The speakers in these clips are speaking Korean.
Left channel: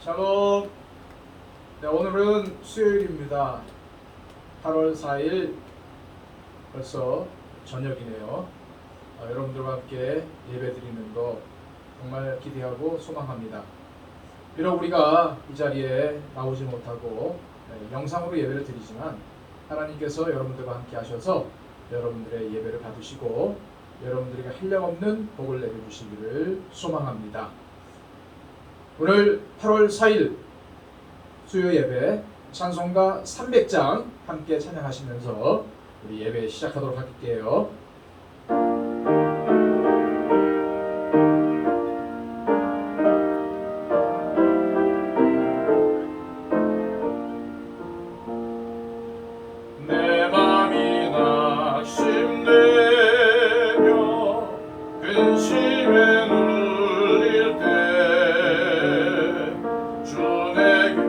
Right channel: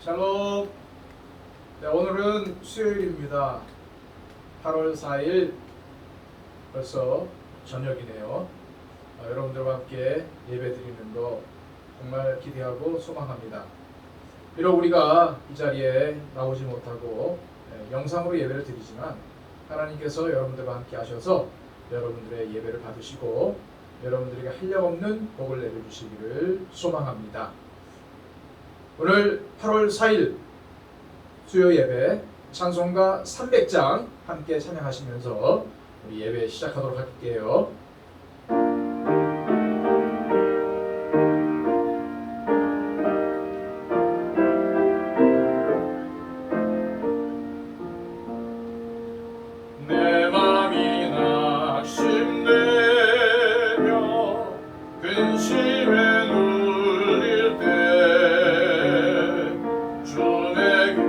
샬롬. 네, 오늘은 수요일입니다. 8월 4일 벌써 저녁이네요. 여러분들과 함께 예배드리는 거 정말 기대하고 소망합니다. 비록 우리가 이 자리에 나오지 못하고 영상으로 예배를 드리지만 하나님께서 여러분들과 함께 하셔서 여러분들의 예배를 받으시고 여러분들에게 한량없는 복을 내려주시기를 소망합니다. 오늘 8월 4일 수요 예배 찬송가 300장 함께 찬양하시면서 우리 예배 시작하도록 할게요. 내 맘이 낙심되며 근심에 눌릴 때 주 내게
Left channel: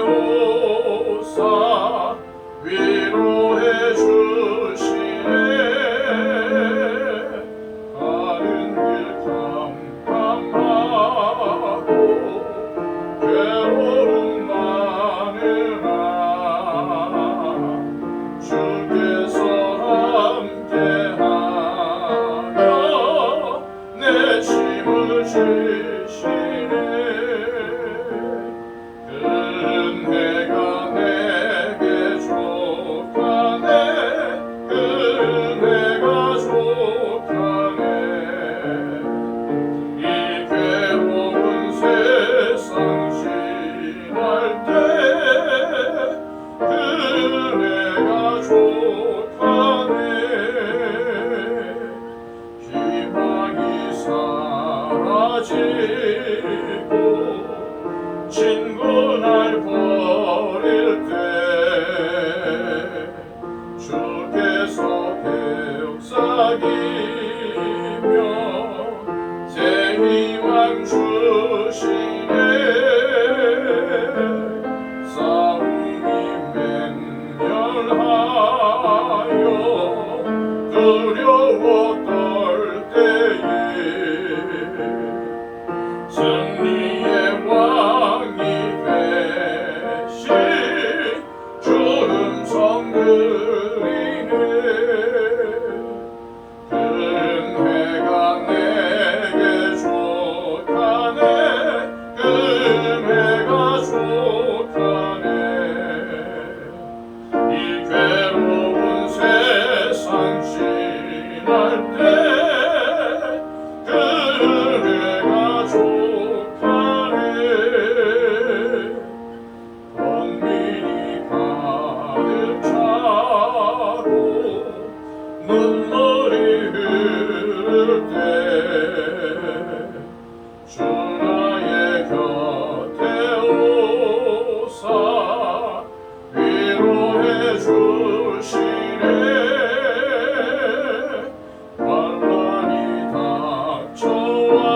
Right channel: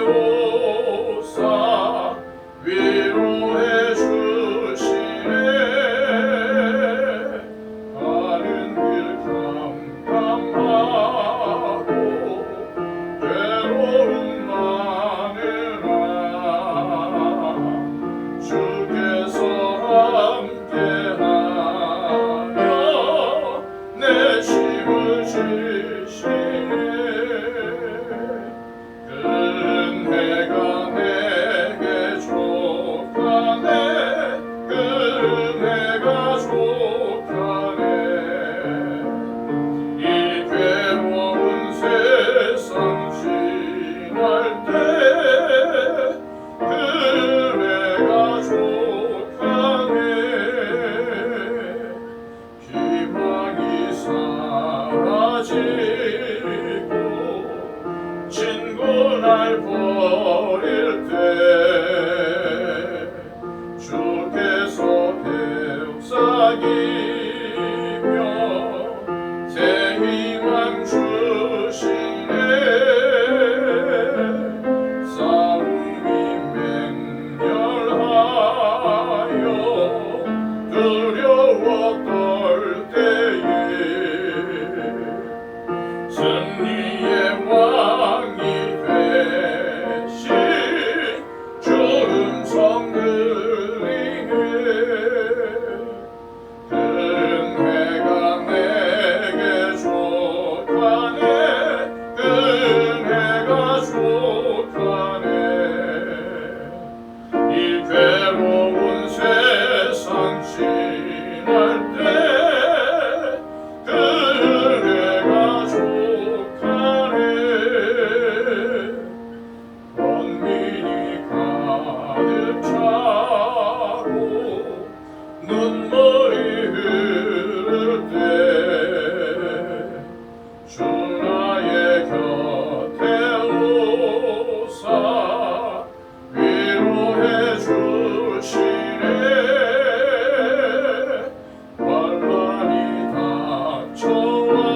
오사 위로해 주시네. 가는 길 캄캄하고 괴로움 많으나 주께서 함께하며 내 짐을 지시네. 은혜가 내게 족하네. 은혜가 족하네. 이 괴로운 세상 지날 때 은혜가 족하네. 희망이 사라지고 친구 날 버릴 때 주께서 되옵사기며 새 희망 주시네. 싸움이 맹렬하여 두려워 떨 때에 승리의 왕이 되신 주 음성 들리네. 은혜가 내게 족하네. 은혜가 족하네. 이 괴로운 세상 지날 때 은혜가 족하네. 번민이 가득 차고 눈물이 흐를 때 주 나의 곁에 오사 위로해 주시네. 환난이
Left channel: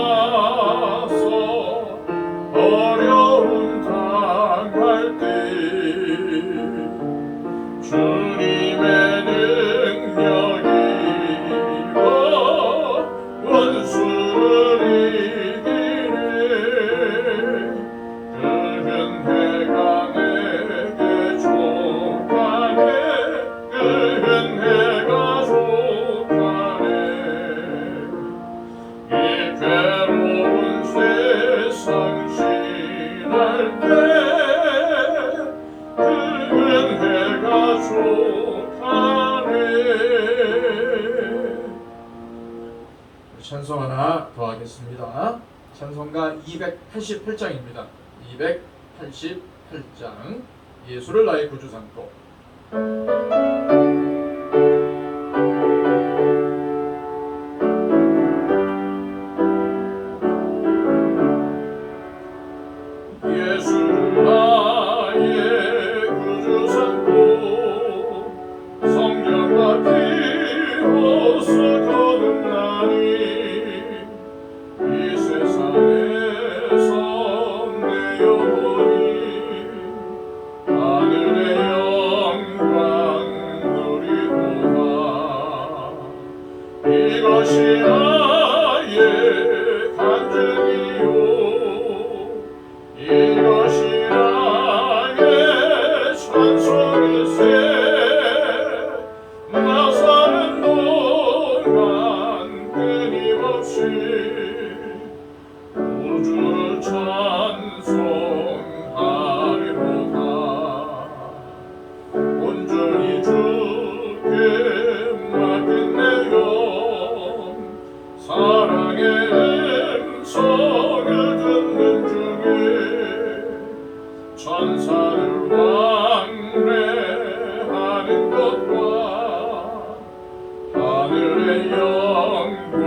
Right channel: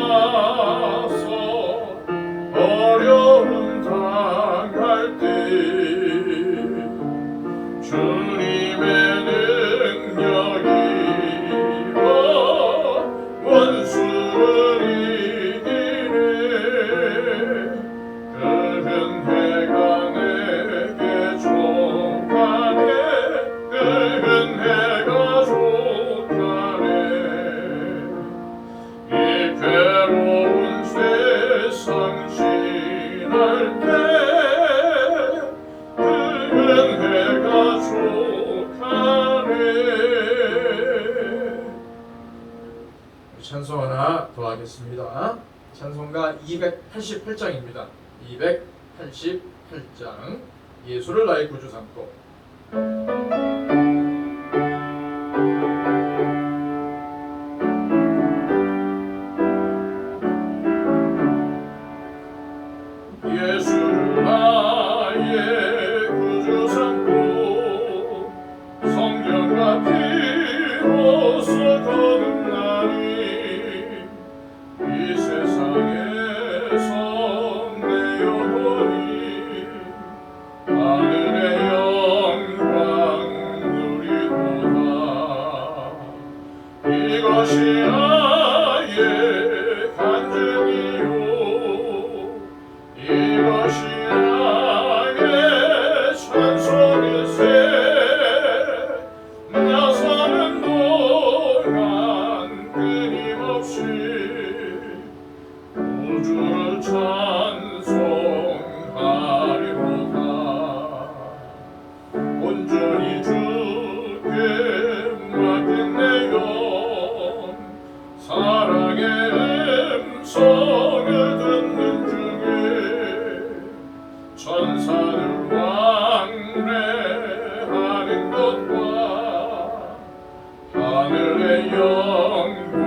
닥쳐와서 어려움 당할 때 주님의 능력이로 원수를 이기네. 은혜가 내게 족하네. 은혜가 족하네. 이 괴로운 세상 지날 때 은혜가 족하네. 찬송 하나 더 하겠습니다. 찬송가 288장입니다. 288장 예수를 나의 구주 삼고. 예수를 나의 구주 삼고 성령과 피로써 거듭나니 이 세상에서 내 영혼이 하늘의 영광 우주를 찬송하리로다. 온전히 주께 맡긴 내 영, 사랑의 음성을 듣는 중에 천사들 왕래하는 것과 하늘의 영광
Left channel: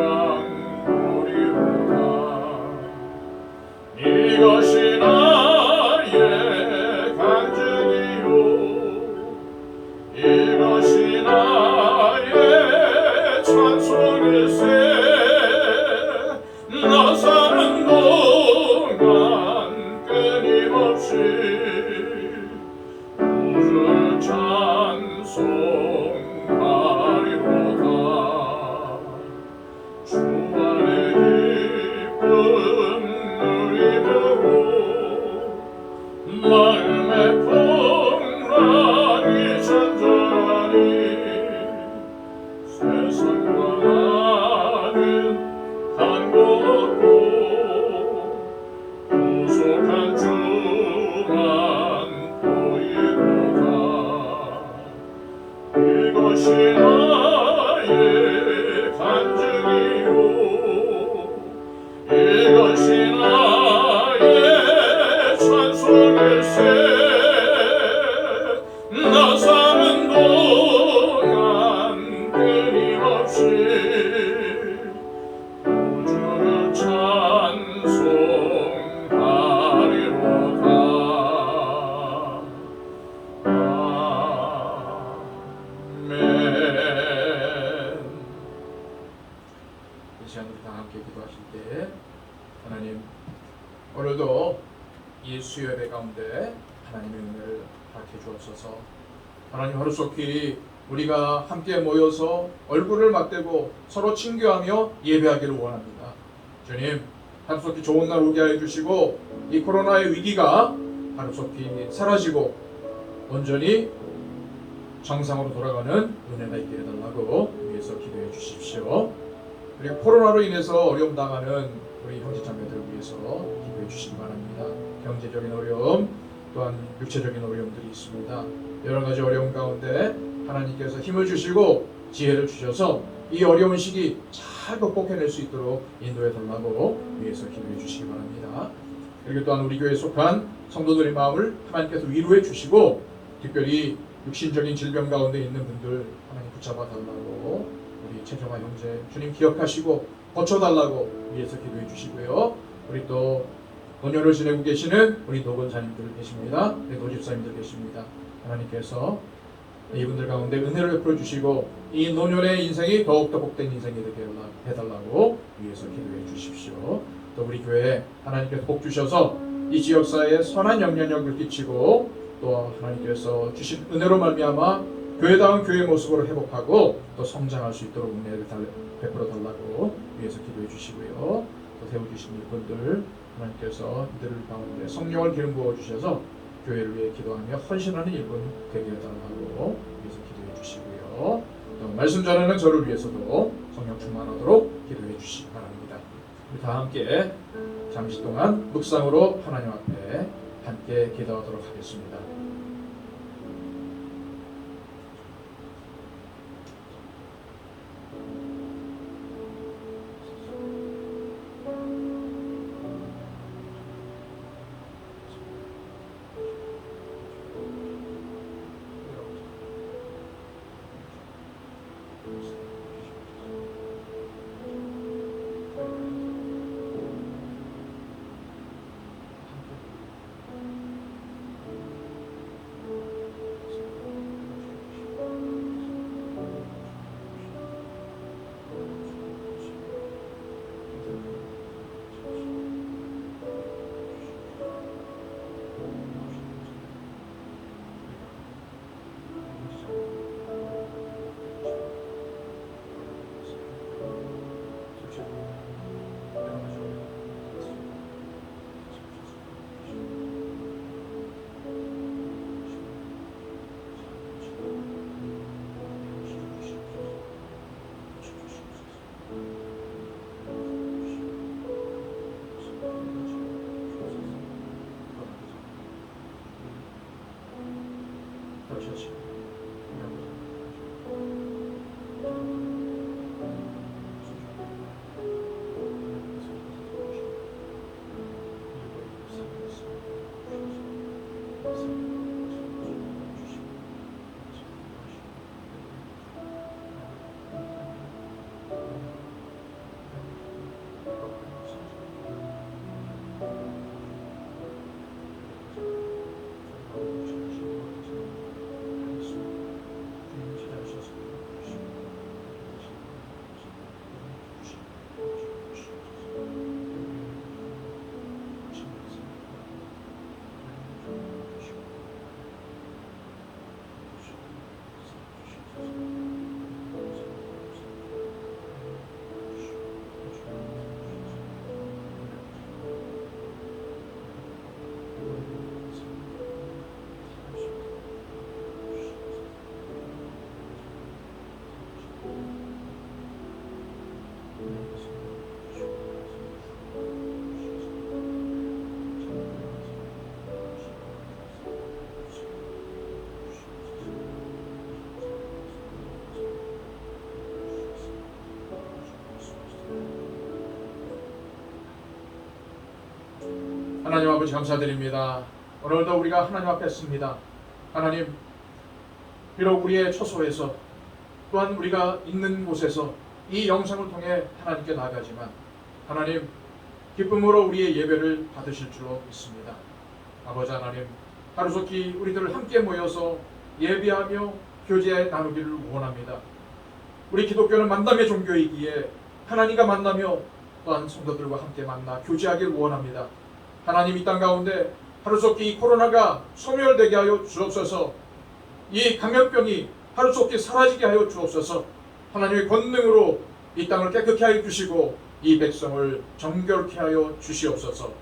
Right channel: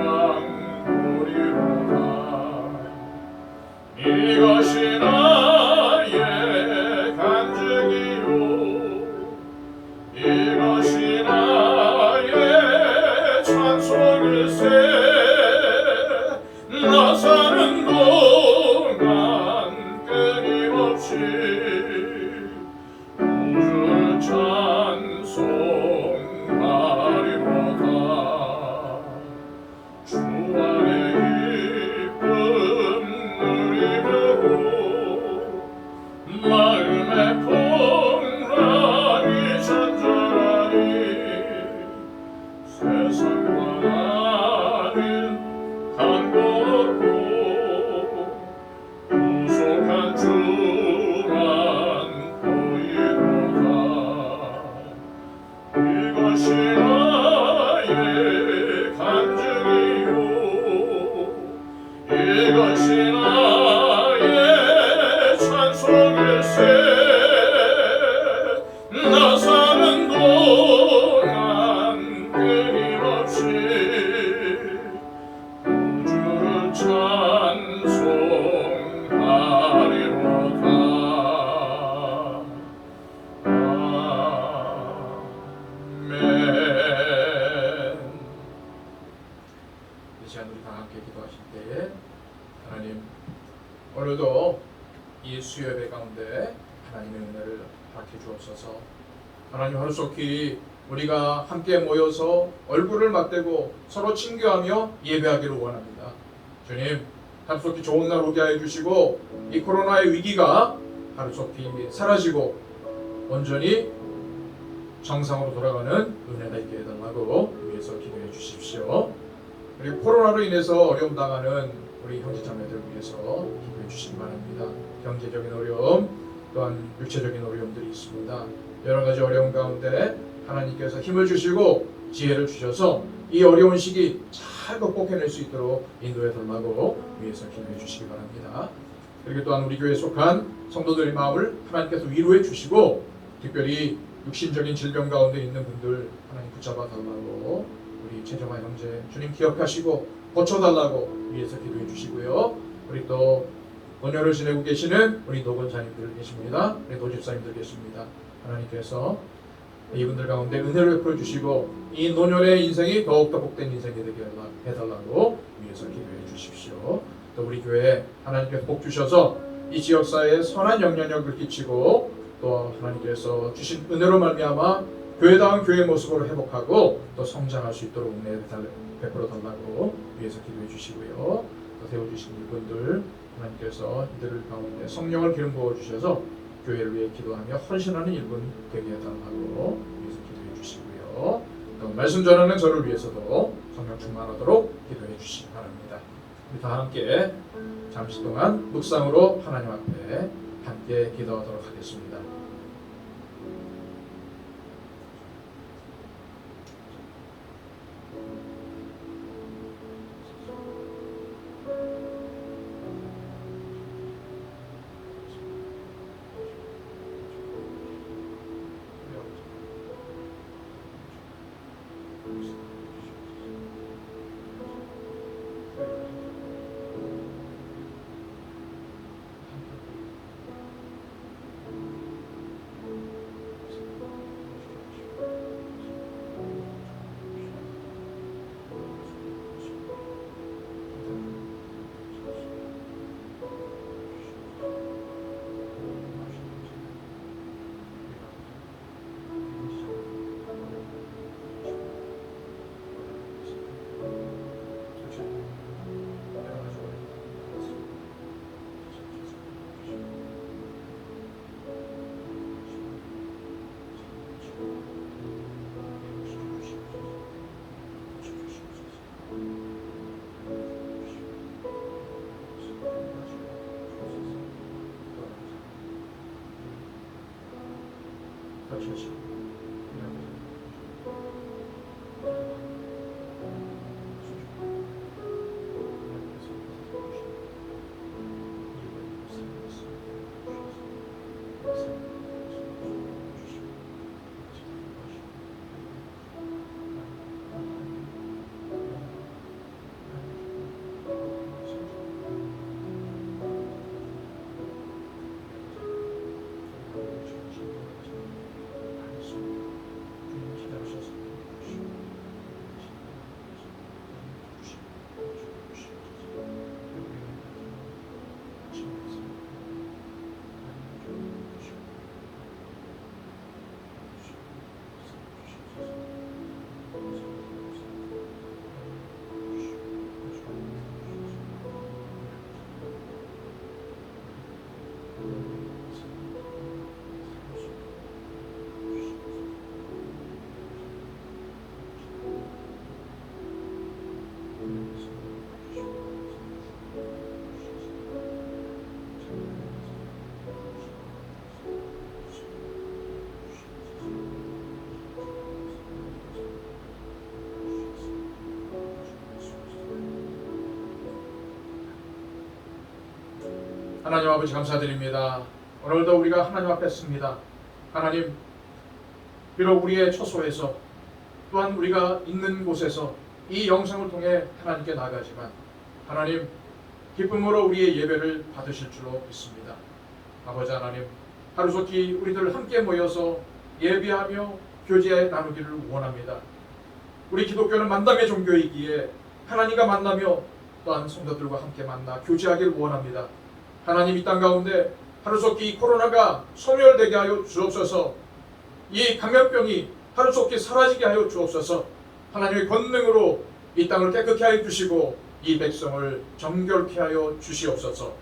보리로다. 이것이 나의 간증이요, 이것이 나의 찬송일세. 나 사는 동안 끊임없이 우주를 찬송하리로다. 주 안에 기쁨 누리므로 마음의 풍랑이 잔잔하니 세상과 나는 간고 없고 구속한 주만 보이도다. 이것이 나의 간증이요, 이것이 나의 찬송일세. 나 사는 동안 끊임없이 우주를 찬송하리로다. 아멘. 이 시간 우리 다 함께 기도하실 때 하나님, 오늘도 이 수요예배 가운데 하나님의 은혜를 받게 주옵소서. 하나님, 하루속히 우리가 함께 모여서 얼굴을 맞대고 서로 친교하며 예배하기를 원합니다. 주님, 하루속히 좋은 날 오게 하여 주시고 이 코로나의 위기가 하루속히 사라지고 온전히 정상으로 돌아가는 은혜가 있게 해달라고 위해서 기도해 주십시오. 그리고 코로나로 인해서 어려움 당하는 우리 형제자매들 위해서 기도해 주시기 바랍니다. 경제적인 어려움, 또한 육체적인 어려움들이 있습니다. 여러 가지 어려움 가운데 하나님께서 힘을 주시고 지혜를 주셔서 이 어려운 시기 잘 극복해낼 수 있도록 인도해 달라고 위해서 기도해 주시기 바랍니다. 그리고 또한 우리 교회에 속한 성도들의 마음을 하나님께서 위로해 주시고 특별히 육신적인 질병 가운데 있는 분들 하나님 붙잡아 달라고, 우리 최정화 형제 주님 기억하시고 고쳐달라고 위해서 기도해 주시고요. 우리 또 노년을 지내고 계시는 우리 노건사님들 계십니다. 우리 노집사님들 계십니다. 하나님께서 이분들 가운데 은혜를 베풀어 주시고 이 노년의 인생이 더욱더 복된 인생이 되게 해달라고 위해서 기도해 주십시오. 또 우리 교회에 하나님께서 복 주셔서 이 지역사회에 선한 영향력을 끼치고 또 하나님께서 주신 은혜로 말미암아 교회다운 교회 모습으로 회복하고 또 성장할 수 있도록 은혜를 베풀어 달라고 위해서 기도해 주시고요. 또 세워주신 이분들 하나님께서 이들을 가운데 성령을 기름 부어 주셔서 교회를 위해 기도하며 헌신하는 일분 되게 해달라고 위해서 기도해 주시고요. 또 말씀 전하는 저를 위해서도 성령 충만하도록 기도해 주시기 바랍니다. 우리 다 함께 잠시 동안 묵상으로 하나님 앞에 함께 기도하도록 하겠습니다. 터치하시고 하나님 아버지 감사드립니다. 오늘도 우리가 하나님 앞에 섰습니다. 하나님, 비록 우리의 처소에서 또한 우리가 있는 곳에서 이 영상을 통해 하나님께 나아가지만 하나님, 기쁨으로 우리의 예배를 받으실 줄로 믿습니다. 아버지 하나님, 하루속히 우리들 함께 모여서 예배하며 교제 나누기를 원합니다. 우리 기독교는 만남의 종교이기에 하나님과 만나며 또한 성도들과 함께 만나 교제하기를 원합니다. 하나님, 이 땅 가운데 하루속히 이 코로나가 소멸되게 하여 주옵소서. 이 감염병이 하루속히 사라지게 하여 주옵소서. 하나님의 권능으로 이 땅을 깨끗게 하여 주시고 이 백성을 정결케 하여 주시옵소서.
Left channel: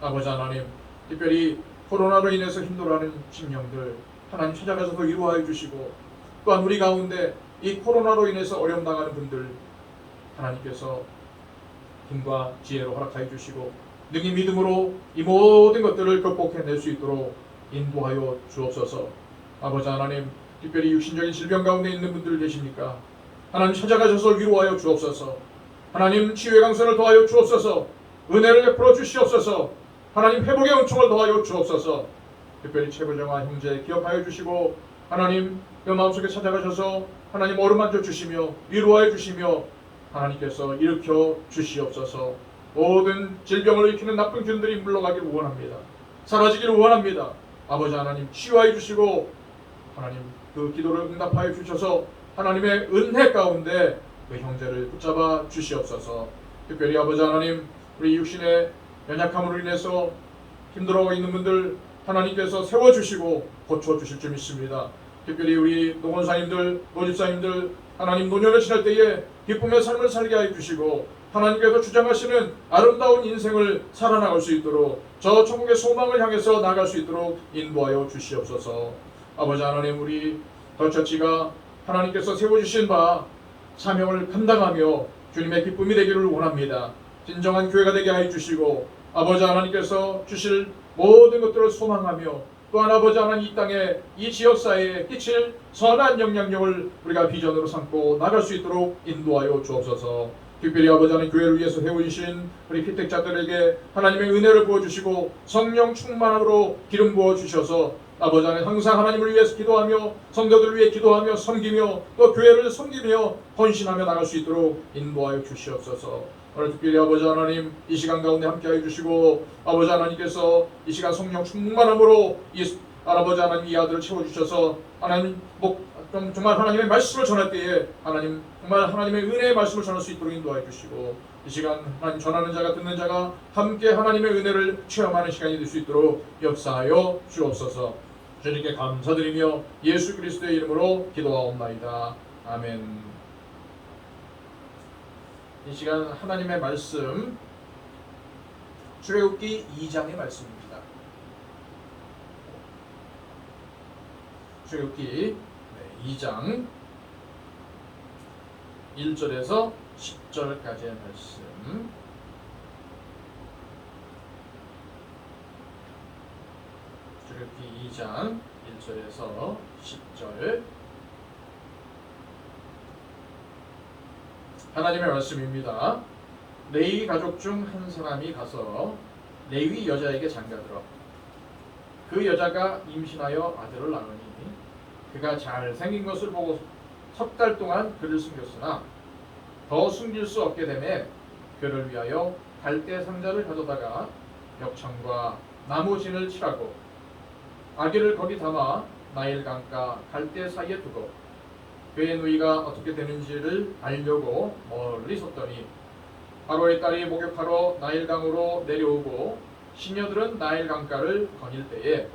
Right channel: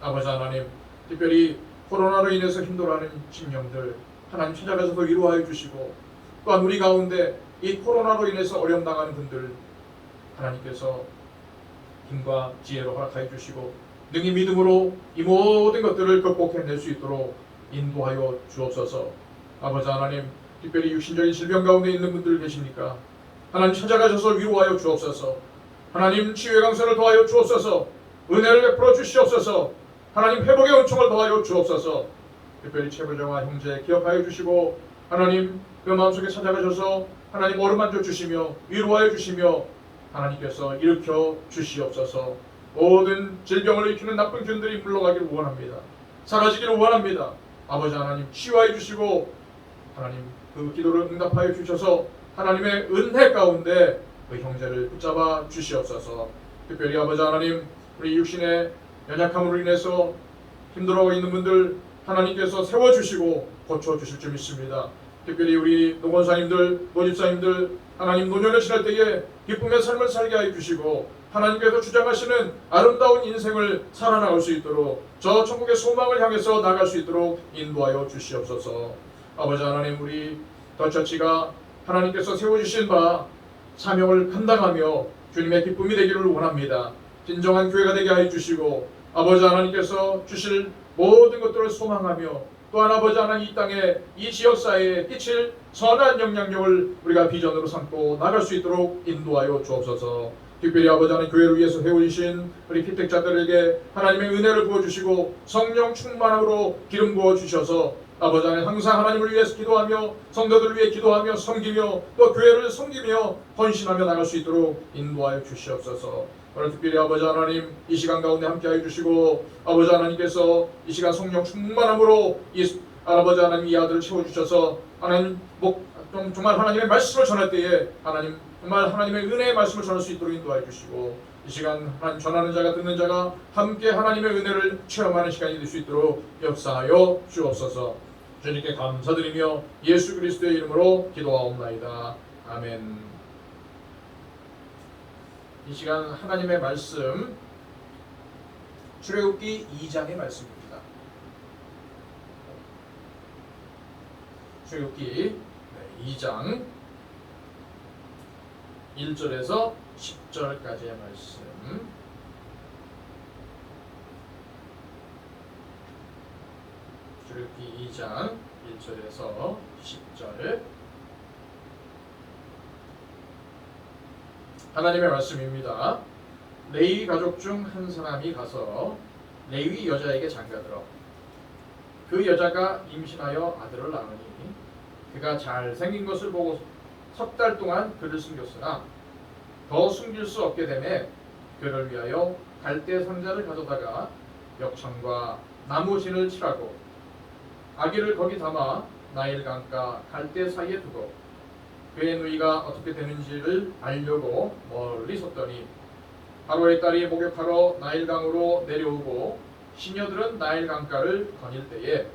아버지 하나님, 특별히 코로나로 인해서 힘들어하는 심령들 하나님 찾아가셔서 위로하여 주시고, 또한 우리 가운데 이 코로나로 인해서 어려움 당하는 분들 하나님께서 힘과 지혜로 허락하여 주시고 능히 믿음으로 이 모든 것들을 극복해낼 수 있도록 인도하여 주옵소서. 아버지 하나님, 특별히 육신적인 질병 가운데 있는 분들 계십니까? 하나님 찾아가셔서 위로하여 주옵소서. 하나님, 치유의 강선을 더하여 주옵소서. 은혜를 베풀어 주시옵소서. 하나님, 회복의 은총을 더하여 주옵소서. 특별히 최부정아 형제 기억하여 주시고, 하나님 그 마음속에 찾아가셔서 하나님 어루만져 주시며 위로하여 주시며 하나님께서 일으켜 주시옵소서. 모든 질병을 일으키는 나쁜 균들이 물러가기를 원합니다. 사라지기를 원합니다. 아버지 하나님, 치유하여 주시고 하나님 그 기도를 응답하여 주셔서 하나님의 은혜 가운데 그 형제를 붙잡아 주시옵소서. 특별히 아버지 하나님, 우리 육신의 연약함으로 인해서 힘들어하고 있는 분들 하나님께서 세워주시고 고쳐주실 줄 믿습니다. 특별히 우리 노원사님들, 노집사님들 하나님 노년을 지날 때에 기쁨의 삶을 살게 하여 주시고 하나님께서 주장하시는 아름다운 인생을 살아나갈 수 있도록 저 천국의 소망을 향해서 나갈 수 있도록 인도하여 주시옵소서. 아버지 하나님, 우리 더처치가 하나님께서 세워주신 바 사명을 감당하며 주님의 기쁨이 되기를 원합니다. 진정한 교회가 되게 하여 주시고 아버지 하나님께서 주실 모든 것들을 소망하며 또한 아버지 하나님, 이 땅에 이 지역사회에 끼칠 선한 영향력을 우리가 비전으로 삼고 나갈 수 있도록 인도하여 주옵소서. 특별히 아버지 하나님, 교회를 위해서 세우신 우리 피택자들에게 하나님의 은혜를 부어주시고 성령 충만함으로 기름 부어주셔서 아버지 하나님, 항상 하나님을 위해서 기도하며 성도들을 위해 기도하며 섬기며 또 교회를 섬기며 헌신하며 나갈 수 있도록 인도하여 주시옵소서. 오늘 특별히 아버지 하나님, 이 시간 가운데 함께하여 주시고 아버지 하나님께서 이 시간 성령 충만함으로 이 아버지 하나님 이 아들을 채워주셔서 하나님 정말 하나님의 말씀을 전할 때에 하나님 정말 하나님의 은혜의 말씀을 전할 수 있도록 인도하여 주시고 이 시간 하나님 전하는 자가 듣는 자가 함께 하나님의 은혜를 체험하는 시간이 될 수 있도록 역사하여 주옵소서. 주님께 감사드리며 예수 그리스도의 이름으로 기도하옵나이다. 아멘. 이 시간 하나님의 말씀 출애굽기 2장의 말씀입니다. 출애굽기 2장 1절에서 10절까지의 말씀. 출애굽기 2장 1절에서 10절 하나님의 말씀입니다. 레위 가족 중 한 사람이 가서 레위 여자에게 장가들어 그 여자가 임신하여 아들을 낳으니 그가 잘생긴 것을 보고 석 달 동안 그를 숨겼으나 더 숨길 수 없게 되매 그를 위하여 갈대 상자를 가져다가 벽창과 나무 진을 칠하고 아기를 거기 담아 나일 강가 갈대 사이에 두고 그의 누이가 어떻게 되는지를 알려고 멀리 섰더니 바로의 딸이 목욕하러 나일강으로 내려오고 시녀들은 나일 강가를 거닐 때에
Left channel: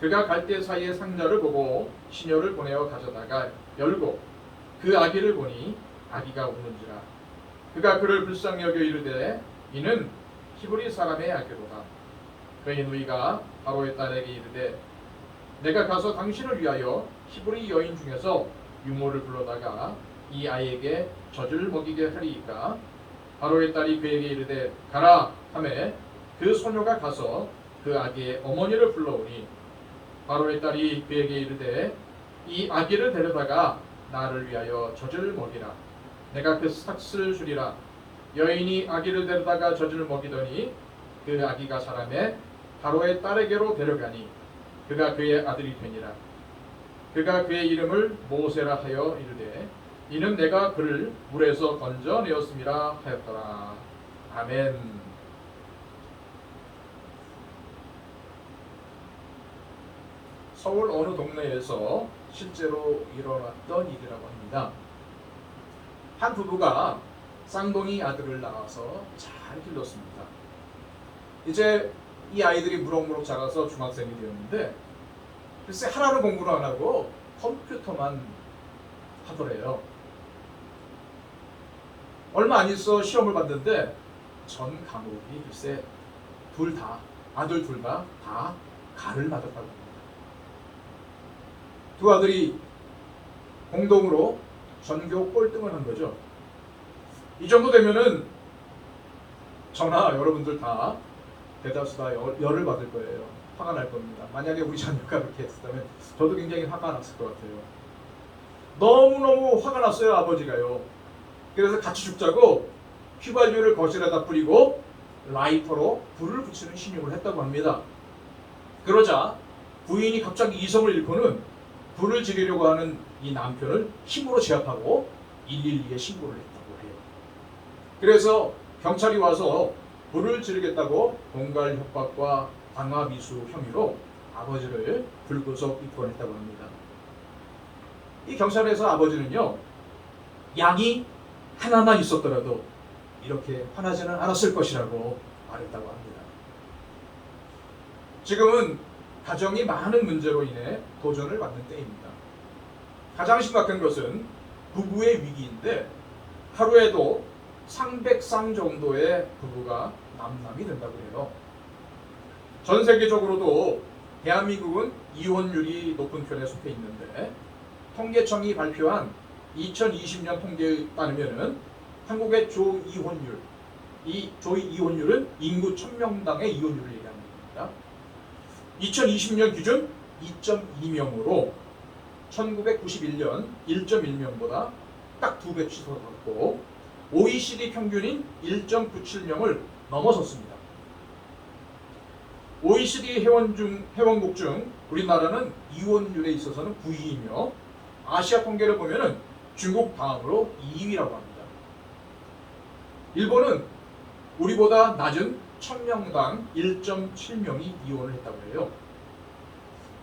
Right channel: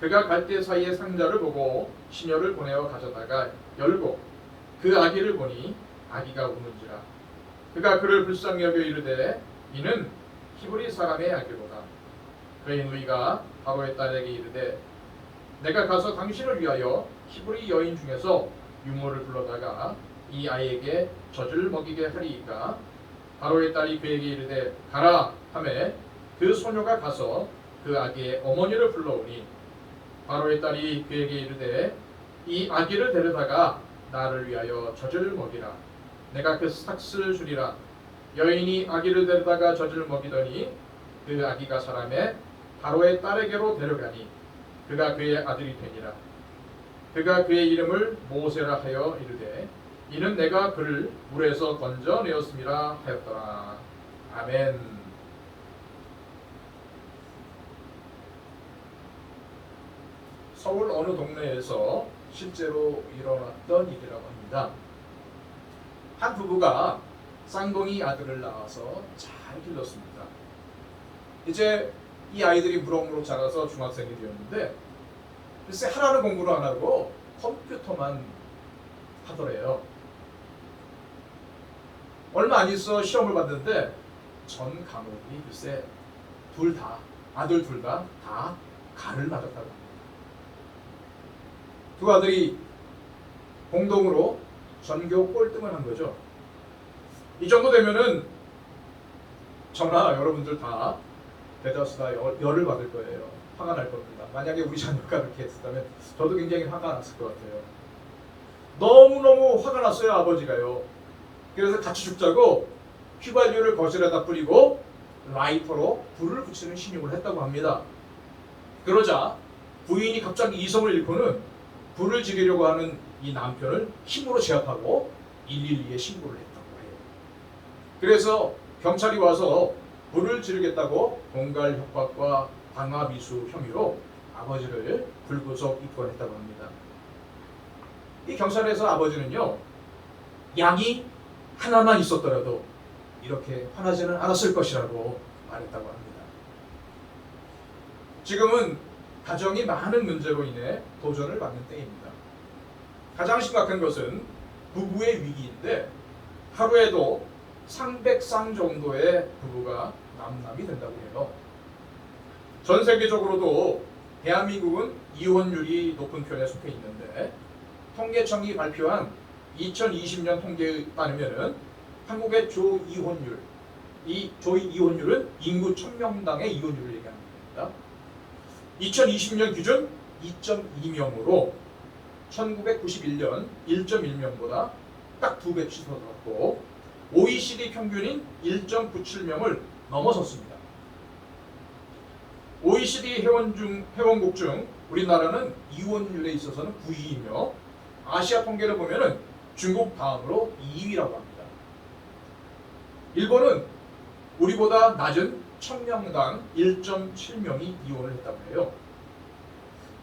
그가 갈대 사이의 상자를 보고 시녀를 보내어 가져다가 열고 그 아기를 보니 아기가 우는지라 그가 그를 불쌍히 여겨 이르되 이는 히브리 사람의 아기로다. 그의 누이가 바로의 딸에게 이르되 내가 가서 당신을 위하여 히브리 여인 중에서 유모를 불러다가 이 아이에게 젖을 먹이게 하리이까. 바로의 딸이 그에게 이르되 가라 하매 그 소녀가 가서 그 아기의 어머니를 불러오니 바로의 딸이 그에게 이르되 이 아기를 데려다가 나를 위하여 젖을 먹이라. 내가 그 삭슬을 주리라. 여인이 아기를 데려다가 젖을 먹이더니 그 아기가 자라매 바로의 딸에게로 데려가니 그가 그의 아들이 되니라. 그가 그의 이름을 모세라 하여 이르되 이는 내가 그를 물에서 건져내었음이라 하였더라. 아멘. 서울 어느 동네에서 실제로 일어났던 일이라고 합니다. 한 부부가 쌍둥이 아들을 낳아서 잘 길렀습니다. 이제 이 아이들이 무럭무럭 자라서 중학생이 되었는데 글쎄 하나는 공부를 안 하고 컴퓨터만 하더래요. 얼마 안 있어 시험을 봤는데 전 과목이 글쎄 아들 둘 다 가를 맞았다고 합니다. 두 아들이 공동으로 전교 꼴등을 한 거죠. 이 정도 되면은 저나 여러분들 다 대다수 다 열을 받을 거예요. 화가 날 겁니다. 만약에 우리 자녀가 그렇게 했다면 저도 굉장히 화가 났을 것 같아요. 너무너무 화가 났어요. 아버지가요. 그래서 같이 죽자고 휘발유를 거실에다 뿌리고 라이터로 불을 붙이는 신용을 했다고 합니다. 그러자 부인이 갑자기 이성을 잃고는 불을 지르려고 하는 이 남편을 힘으로 제압하고 112에 신고를 했다고 해요. 그래서 경찰이 와서 불을 지르겠다고 공갈 협박과 방화 미수 혐의로 아버지를 불구속 입건했다고 합니다. 이 경찰에서 아버지는요, 양이 하나만 있었더라도 이렇게 화나지는 않았을 것이라고 말했다고 합니다. 지금은 가정이 많은 문제로 인해 도전을 받는 때입니다. 가장 심각한 것은 부부의 위기인데 하루에도 300쌍 정도의 부부가 남남이 된다고 해요. 전 세계적으로도 대한민국은 이혼율이 높은 편에 속해 있는데 통계청이 발표한 2020년 통계에 따르면 한국의 조이혼율, 이 조이혼율은 인구 1000명당의 이혼율을 얘기하는 겁니다. 2020년 기준 2.2명으로 1991년 1.1명보다 딱 2배 취소되었고 OECD 평균인 1.97명을 넘어섰습니다. OECD 회원국 중 우리나라는 이혼율에 있어서는 9위이며 아시아 통계를 보면은 중국 다음으로 2위라고 합니다. 일본은 우리보다 낮은 1000명당 1.7명이 이혼을 했다고 해요.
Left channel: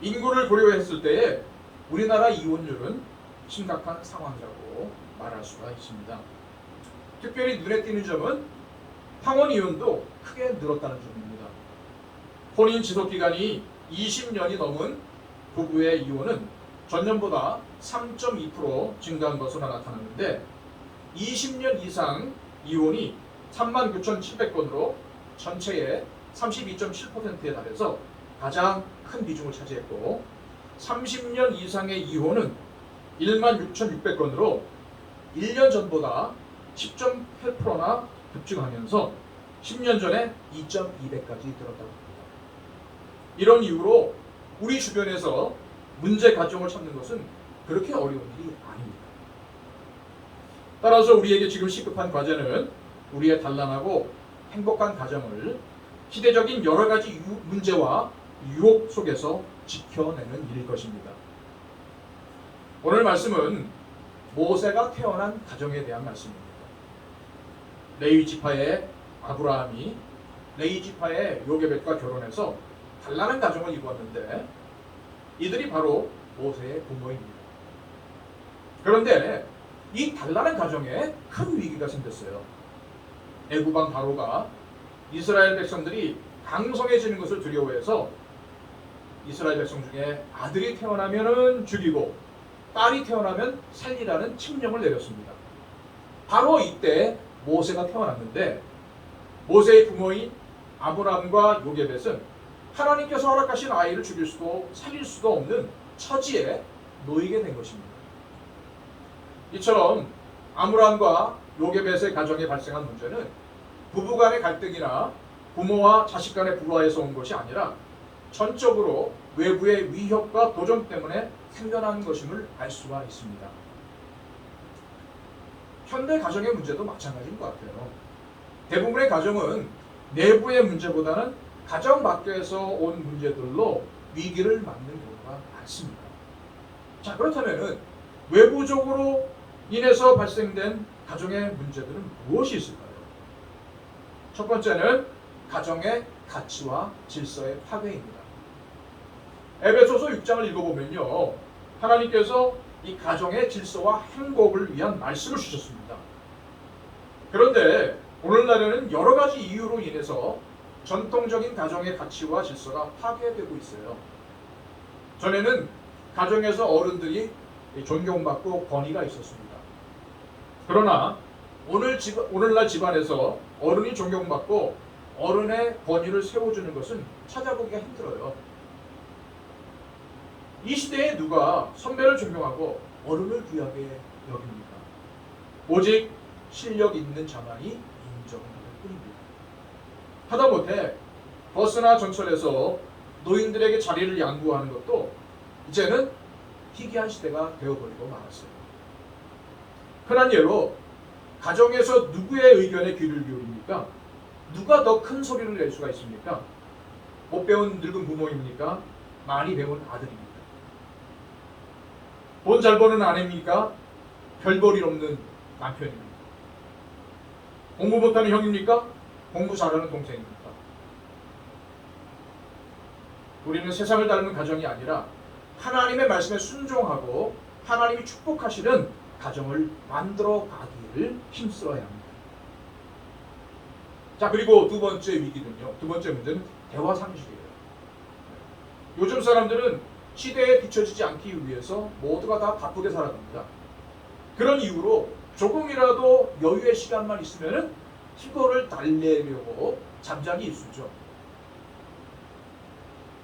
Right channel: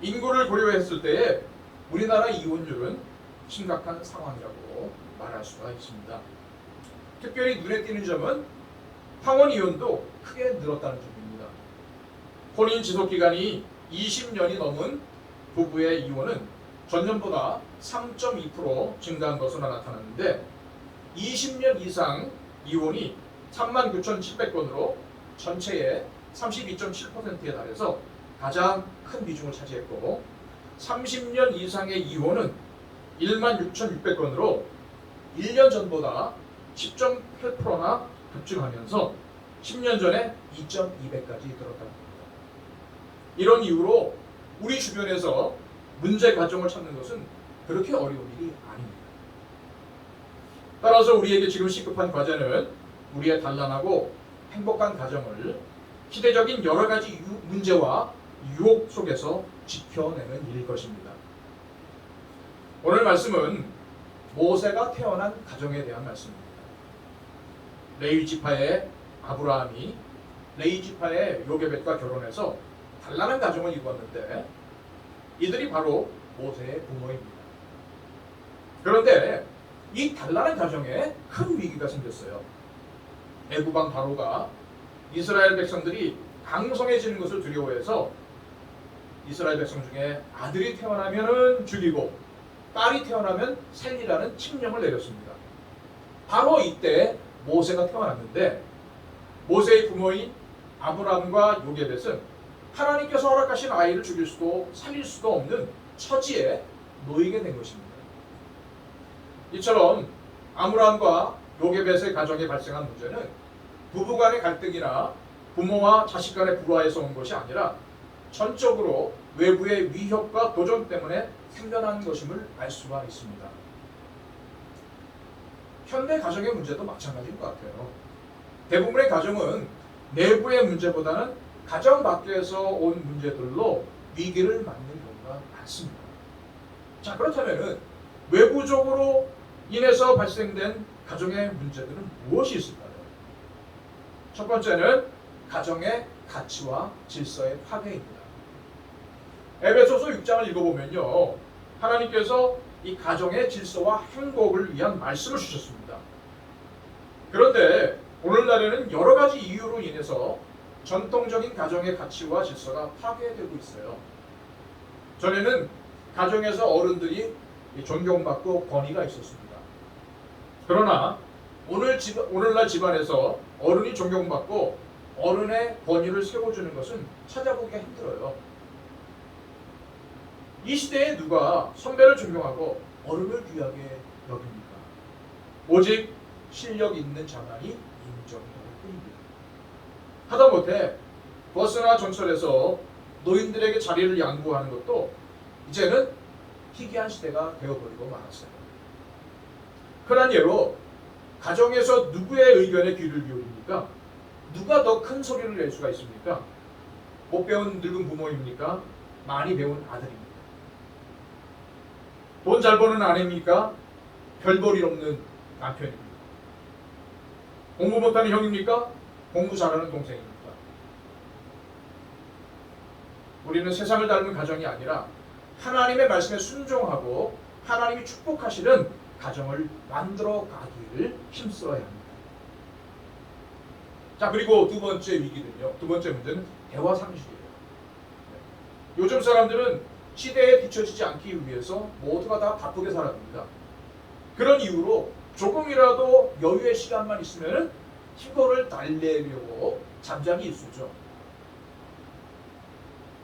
인구를 고려했을 때 우리나라 이혼율은 심각한 상황이라고 말할 수가 있습니다. 특별히 눈에 띄는 점은 황혼 이혼도 크게 늘었다는 점입니다. 혼인 지속 기간이 20년이 넘은 부부의 이혼은 전년보다 3.2% 증가한 것으로 나타났는데 20년 이상 이혼이 39,700건으로 전체의 32.7%에 달해서 가장 큰 비중을 차지했고 30년 이상의 이혼은 16,600건으로 1년 전보다 10.8%나 급증하면서 10년 전에 2.2배까지 늘었다고 합니다. 이런 이유로 우리 주변에서 문제 가정을 찾는 것은 그렇게 어려운 일이 아닙니다. 따라서 우리에게 지금 시급한 과제는 우리의 단란하고 행복한 가정을 시대적인 여러 가지 문제와 유혹 속에서 지켜내는 일일 것입니다. 오늘 말씀은 모세가 태어난 가정에 대한 말씀입니다. 레위 지파의 아브라함이 레위 지파의 요게벳과 결혼해서 단란한 가정을 이루었는데 이들이 바로 모세의 부모입니다. 그런데 이 단란한 가정에 큰 위기가 생겼어요. 애굽왕 바로가 이스라엘 백성들이 강성해지는 것을 두려워해서 이스라엘 백성 중에 아들이 태어나면 죽이고 딸이 태어나면 살리라는 칙령을 내렸습니다. 바로 이때 모세가 태어났는데 모세의 부모인 아브라함과 요게벳은 하나님께서 허락하신 아이를 죽일 수도 살릴 수도 없는 처지에 놓이게 된 것입니다. 이처럼 아브라함과 요게벳의 가정에 발생한 문제는 부부간의 갈등이나 부모와 자식 간의 불화에서 온 것이 아니라 전적으로 외부의 위협과 도전 때문에 생겨난 것임을 알 수가 있습니다. 현대 가정의 문제도 마찬가지인 것 같아요. 대부분의 가정은 내부의 문제보다는 가정 밖에서 온 문제들로 위기를 맞는 경우가 많습니다. 자, 그렇다면 외부적으로 인해서 발생된 가정의 문제들은 무엇이 있을까요? 첫 번째는 가정의 가치와 질서의 파괴입니다. 에베소서 6장을 읽어보면요, 하나님께서 이 가정의 질서와 행복을 위한 말씀을 주셨습니다. 그런데 오늘날에는 여러 가지 이유로 인해서 전통적인 가정의 가치와 질서가 파괴되고 있어요. 전에는 가정에서 어른들이 존경받고 권위가 있었습니다. 그러나 오늘날 집안에서 어른이 존경받고 어른의 권위를 세워주는 것은 찾아보기가 힘들어요. 이 시대에 누가 선배를 존경하고 어른을 귀하게 여깁니까? 오직 실력 있는 자만이 인정받을 뿐입니다. 하다못해 버스나 전철에서 노인들에게 자리를 양보하는 것도 이제는 희귀한 시대가 되어버리고 말았어요. 흔한 예로 가정에서 누구의 의견에 귀를 기울입니까? 누가 더 큰 소리를 낼 수가 있습니까? 못 배운 늙은 부모입니까? 많이 배운 아들입니까? 돈 잘 버는 아내입니까? 별 볼 일 없는 남편입니까? 공부 못하는 형입니까? 공부 잘하는 동생입니까? 우리는 세상을 닮은 가정이 아니라 하나님의 말씀에 순종하고 하나님이 축복하시는 가정을 만들어 가기를 힘써야 합니다. 자, 그리고 두 번째 위기는요. 두 번째 문제는 대화 상실이에요. 요즘 사람들은 시대에 뒤처지지 않기 위해서 모두가 다 바쁘게 살아갑니다. 그런 이유로 조금이라도 여유의 시간만 있으면 피곤을 달래려고 잠잠히 있으죠.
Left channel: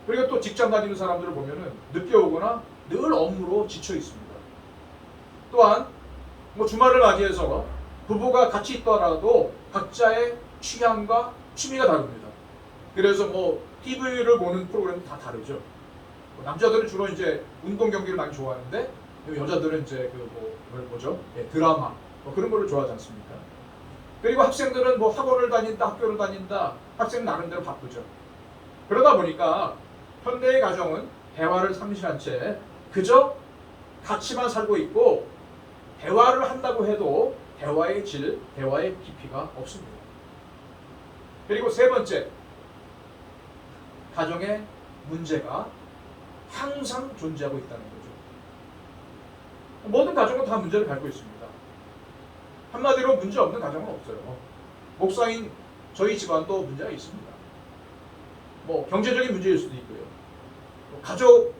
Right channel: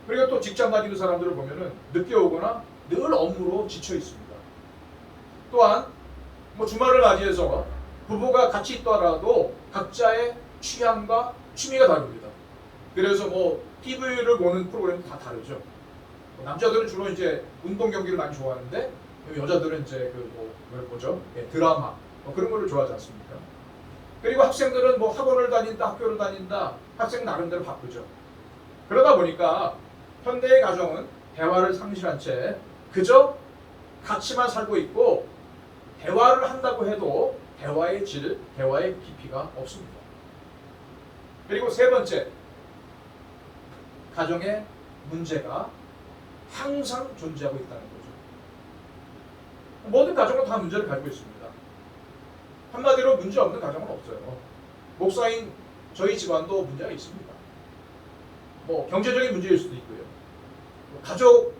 그리고 또 직장 다니는 사람들을 보면은 늦게 오거나 늘 업무로 지쳐 있습니다. 또한 주말을 맞이해서 부부가 같이 있더라도 각자의 취향과 취미가 다릅니다. 그래서 TV를 보는 프로그램도 다 다르죠. 남자들은 주로 이제 운동 경기를 많이 좋아하는데 여자들은 이제 드라마 그런 거를 좋아하지 않습니까? 그리고 학생들은 학원을 다닌다, 학교를 다닌다, 학생 나름대로 바쁘죠. 그러다 보니까 현대의 가정은 대화를 상실한 채 그저 같이만 살고 있고 대화를 한다고 해도 대화의 질, 대화의 깊이가 없습니다. 그리고 세 번째, 가정의 문제가 항상 존재하고 있다는 거죠. 모든 가정은 다 문제를 갖고 있습니다. 한마디로 문제 없는 가정은 없어요. 목사인 저희 집안도 문제가 있습니다. 경제적인 문제일 수도 있고요. 가족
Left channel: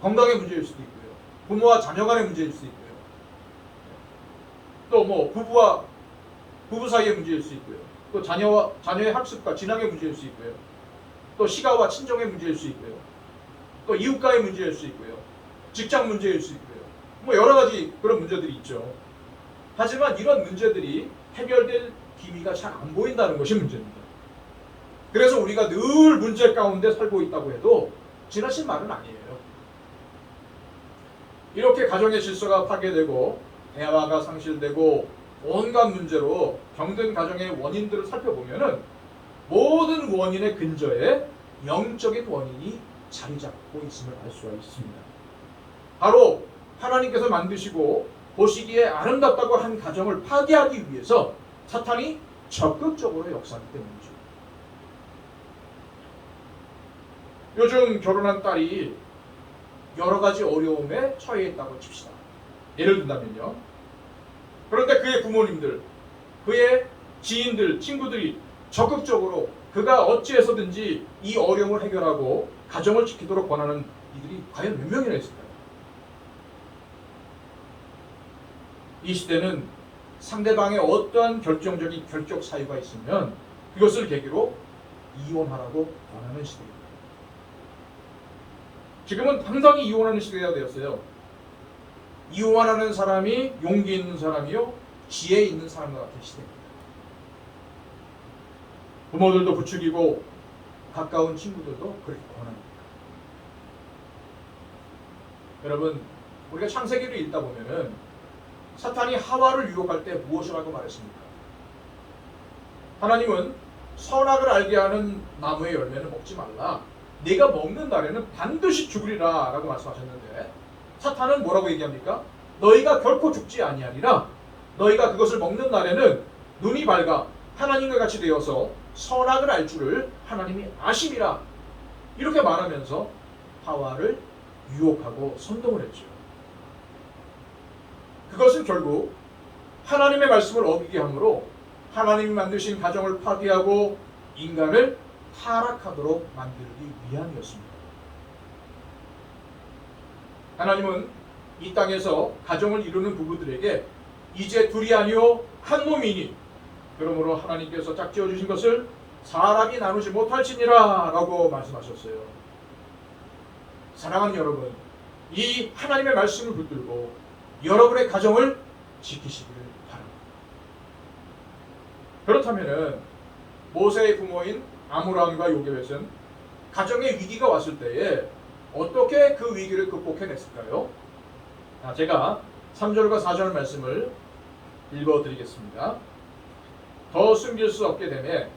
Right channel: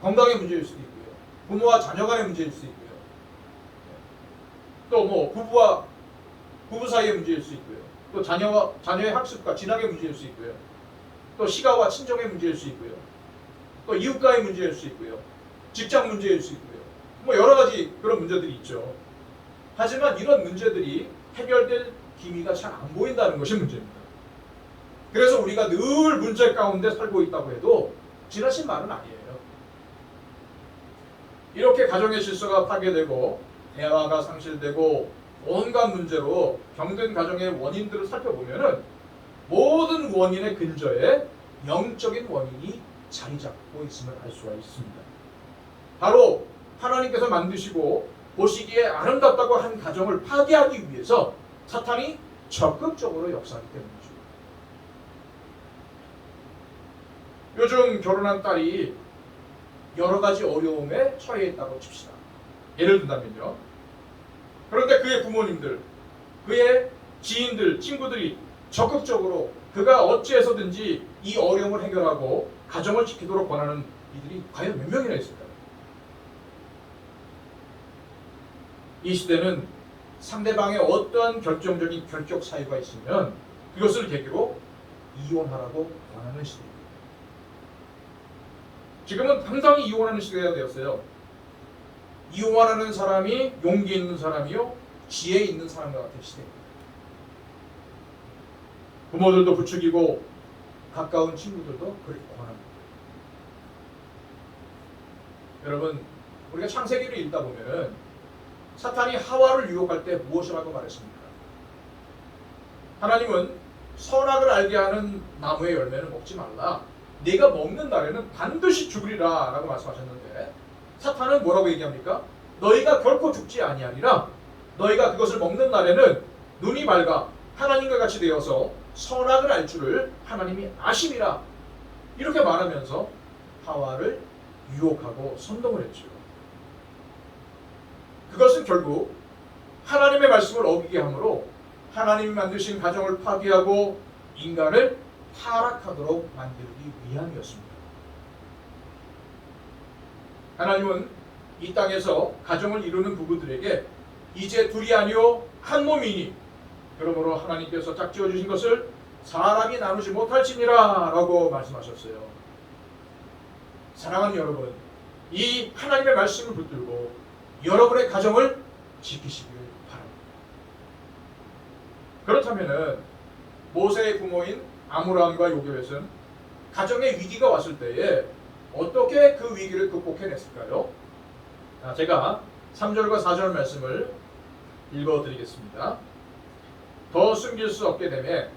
건강의 문제일 수도 있고요. 부모와 자녀 간의 문제일 수도 있고요. 또 부부 사이의 문제일 수 있고요. 또 자녀의 학습과 진학의 문제일 수 있고요. 또 시가와 친정의 문제일 수 있고요. 또 이웃과의 문제일 수 있고요. 직장 문제일 수 있고요. 여러 가지 그런 문제들이 있죠. 하지만 이런 문제들이 해결될 기미가 잘 안 보인다는 것이 문제입니다. 그래서 우리가 늘 문제 가운데 살고 있다고 해도 지나친 말은 아니에요. 이렇게 가정의 질서가 파괴되고 대화가 상실되고 온갖 문제로 병든 가정의 원인들을 살펴보면은 모든 원인의 근저에 영적인 원인이 자리 잡고 있음을 알 수가 있습니다. 바로 하나님께서 만드시고 보시기에 아름답다고 한 가정을 파괴하기 위해서 사탄이 적극적으로 역사하기 때문이죠. 요즘 결혼한 딸이 여러 가지 어려움에 처해 있다고 칩시다. 예를 든다면요. 그런데 그의 부모님들, 그의 지인들, 친구들이 적극적으로 그가 어찌해서든지 이 어려움을 해결하고 가정을 지키도록 권하는 이들이 과연 몇 명이나 있을까요? 이 시대는 상대방의 어떠한 결정적인 결격 사유가 있으면 그것을 계기로 이혼하라고 권하는 시대입니다. 지금은 당당히 이혼하는 시대가 되었어요. 이혼하는 사람이 용기 있는 사람이요, 지혜 있는 사람 같은 시대입니다. 부모들도 부추기고 가까운 친구들도 그렇게 권합니다. 여러분, 우리가 창세기를 읽다 보면은 사탄이 하와를 유혹할 때 무엇이라고 말했습니까? 하나님은 선악을 알게 하는 나무의 열매는 먹지 말라. 네가 먹는 날에는 반드시 죽으리라 라고 말씀하셨는데 사탄은 뭐라고 얘기합니까? 너희가 결코 죽지 아니하리라. 너희가 그것을 먹는 날에는 눈이 밝아 하나님과 같이 되어서 선악을 알 줄을 하나님이 아심이라. 이렇게 말하면서 하와를 유혹하고 선동을 했죠. 그것은 결국 하나님의 말씀을 어기게 함으로 하나님이 만드신 가정을 파괴하고 인간을 타락하도록 만들기 위함이었습니다. 하나님은 이 땅에서 가정을 이루는 부부들에게 이제 둘이 아니요 한 몸이니 그러므로 하나님께서 짝지어 주신 것을 사람이 나누지 못할지니라 라고 말씀하셨어요. 사랑하는 여러분, 이 하나님의 말씀을 붙들고 여러분의 가정을 지키시기를 바랍니다. 그렇다면은 모세의 부모인 아므람과 요게벳은 가정의 위기가 왔을 때에 어떻게 그 위기를 극복해냈을까요? 제가 3절과 4절 말씀을 읽어드리겠습니다. 더 숨길 수 없게 되매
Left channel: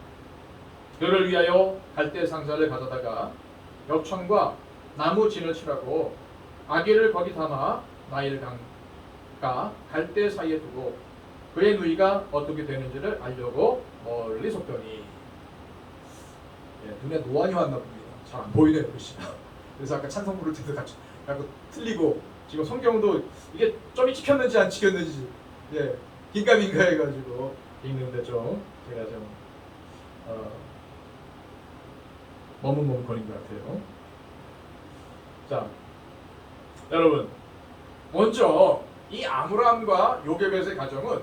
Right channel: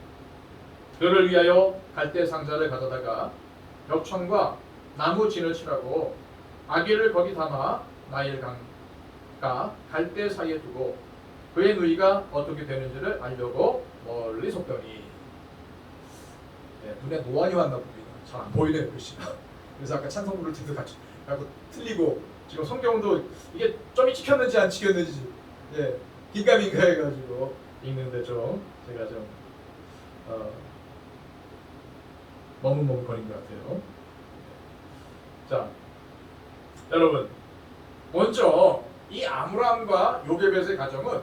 그를 위하여 갈대 상자를 가져다가 벽천과 나무 진을 치라고 아기를 거기 담아 나일 강가 갈대 사이에 두고 그의 누이가 어떻게 되는지를 알려고 멀리 섰더니 눈에 노안이 왔나 봅니다. 잘 안 보이네요, 글씨가. 그래서 아까 찬송 부를 때도 같이 하고 틀리고 지금 성경도 이게 점이 찍혔는지 안 찍혔는지 긴가민가 해가지고 읽는데 좀 제가 좀 머뭇머뭇거린 것 같아요. 자, 여러분, 먼저 이 아므람과 요게벳의 가정은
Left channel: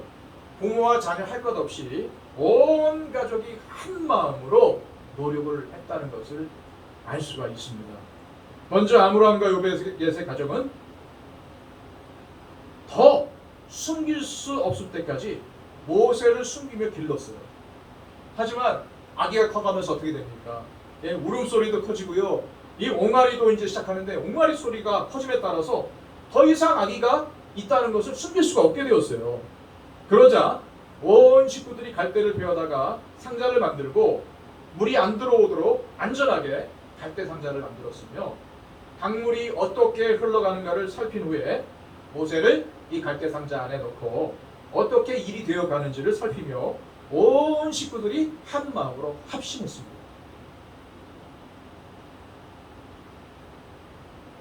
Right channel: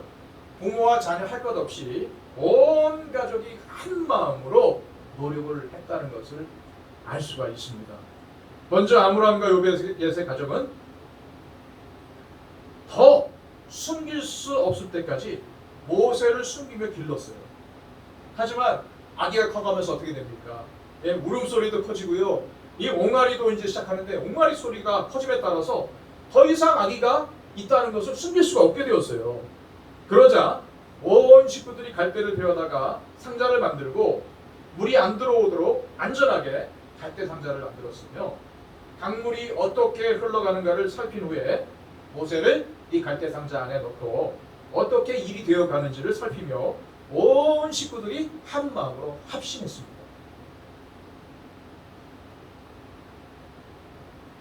부모와 자녀 할 것 없이 온 가족이 한 마음으로 노력을 했다는 것을 알 수가 있습니다. 먼저 아므람과 요게벳의 가정은 더 숨길 수 없을 때까지 모세를 숨기며 길렀어요. 하지만 아기가 커가면서 어떻게 됩니까? 울음소리도 커지고요. 이 옹알이도 이제 시작하는데 옹알이 소리가 커짐에 따라서 더 이상 아기가 있다는 것을 숨길 수가 없게 되었어요. 그러자 온 식구들이 갈대를 베어다가 상자를 만들고 물이 안 들어오도록 안전하게 갈대 상자를 만들었으며 강물이 어떻게 흘러가는가를 살핀 후에 모세를 이 갈대 상자 안에 넣고 어떻게 일이 되어 가는지를 살피며 온 식구들이 한 마음으로 합심했습니다.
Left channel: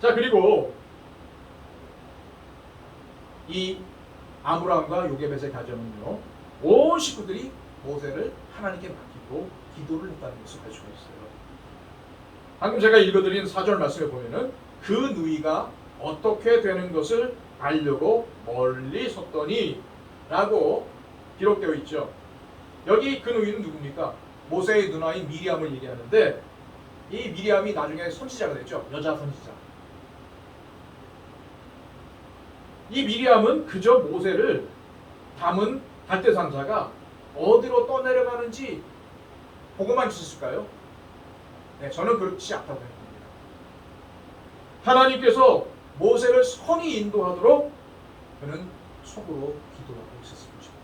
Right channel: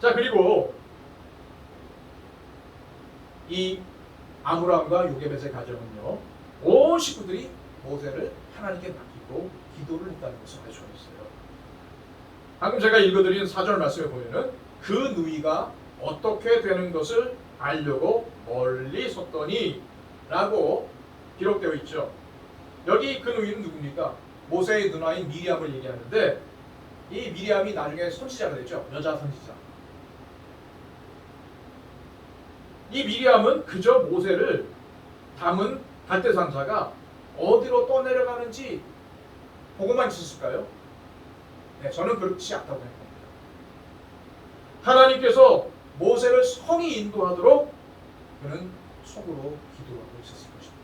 자, 그리고 이 아므람과 요게벳의 가정은요, 온 식구들이 모세를 하나님께 맡기고 기도를 했다는 것을 알 수가 있어요. 방금 제가 읽어드린 4절 말씀에 보면은 그 누이가 어떻게 되는 것을 알려고 멀리 섰더니 라고 기록되어 있죠. 여기 그 누이는 누굽니까? 모세의 누나인 미리암을 얘기하는데 이 미리암이 나중에 선지자가 되죠. 여자 선지자. 이 미리암은 그저 모세를 담은 갈대 상자가 어디로 떠내려가는지 보고만 있었을까요? 네, 저는 그렇지 않다고 생각합니다. 하나님께서 모세를 성히 인도하도록 그는 속으로 기도하고 있었을 것입니다.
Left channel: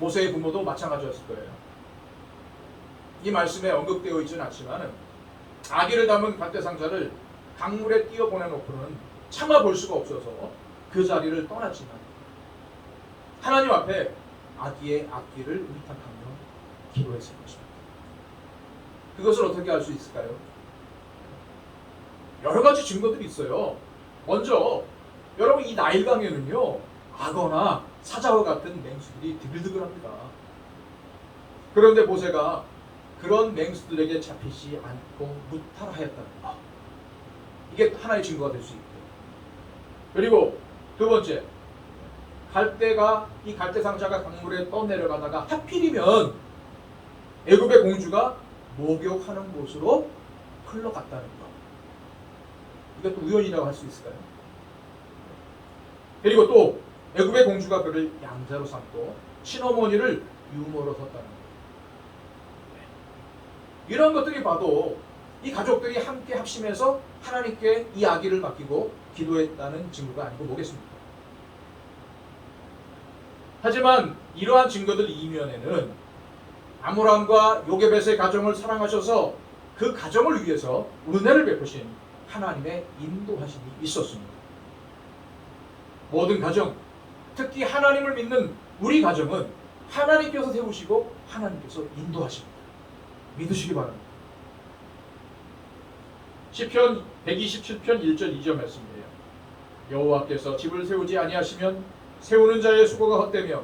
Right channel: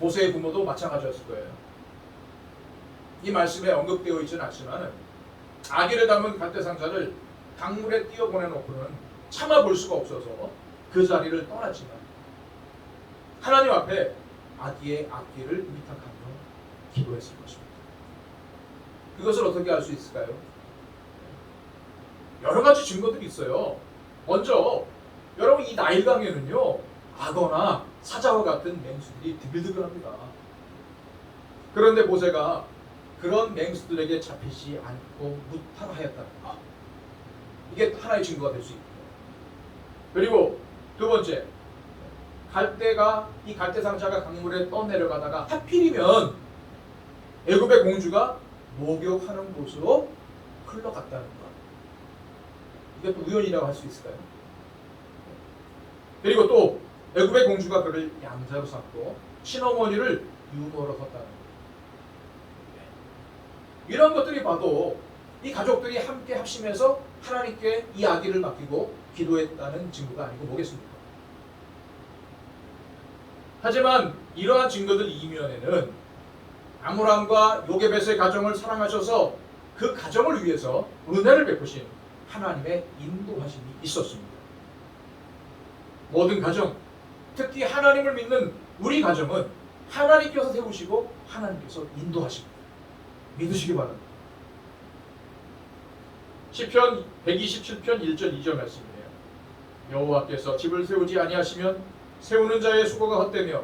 모세의 부모도 마찬가지였을 거예요. 이 말씀에 언급되어 있지는 않지만 아기를 담은 갈대상자를 강물에 띄어 보내놓고는 참아 볼 수가 없어서 그 자리를 떠났지만 하나님 앞에 아기의 앞길을 의탁하며 기도했을 것입니다. 그것을 어떻게 알 수 있을까요? 여러 가지 증거들이 있어요. 먼저 여러분 이 나일강에는요 악어나 사자와 같은 맹수들이 드글드글합니다. 그런데 모세가 그런 맹수들에게 잡히지 않고 무탈하였다는 것, 이게 하나의 증거가 될 수 있고요. 그리고 두 번째, 이 갈대상자가 강물에 떠내려가다가 하필이면 애굽의 공주가 목욕하는 곳으로 흘러갔다는 것, 이게 또 우연이라고 할 수 있을까요? 그리고 또 애굽의 공주가 그를 양자로 삼고 친어머니를 유모로 섰다는 것, 이런 것들이 봐도 이 가족들이 함께 합심해서 하나님께 이 아기를 맡기고 기도했다는 증거가 아니고 뭐겠습니까? 하지만 이러한 증거들 이면에는 아므람과 요게벳의 가정을 사랑하셔서 그 가정을 위해서 은혜를 베푸신 하나님의 인도하심이 있었습니다. 모든 가정, 특히 하나님을 믿는 우리 가정은 하나님께서 세우시고 하나님께서 인도하십니다. 믿으시기 바랍니다. 시편 127편 1절 2절 말씀이에요. 여호와께서 집을 세우지 아니하시면 세우는 자의 수고가 헛되며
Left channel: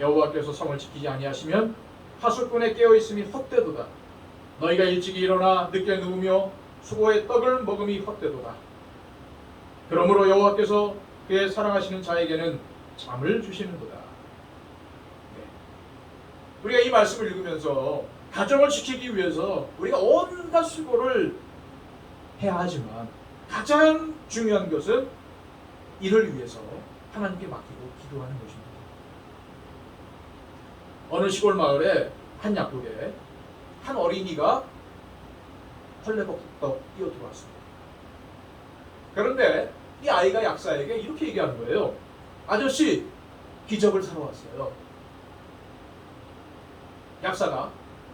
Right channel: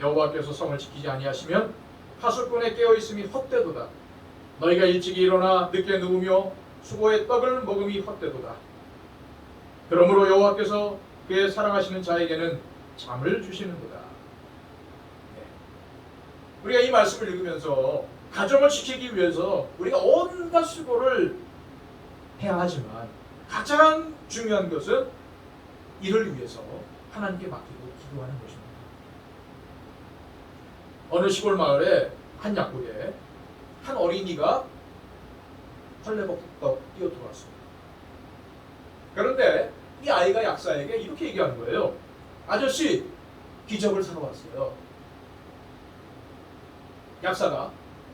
여호와께서 성을 지키지 아니하시면 하수꾼의 깨어있음이 헛되도다. 너희가 일찍이 일어나 늦게 누우며 수고의 떡을 먹음이 헛되도다. 그러므로 여호와께서 그의 사랑하시는 자에게는 잠을 주시는도다. 우리가 이 말씀을 읽으면서 가정을 지키기 위해서 우리가 온갖 수고를 해야 하지만 가장 중요한 것은 이를 위해서 하나님께 맡기고 기도하는 것입니다. 어느 시골 마을에 한 약국에 한 어린이가 헐레벌떡 뛰어들어왔습니다. 그런데 이 아이가 약사에게 이렇게 얘기하는 거예요. 아저씨, 기적을 사러 왔어요. 약사가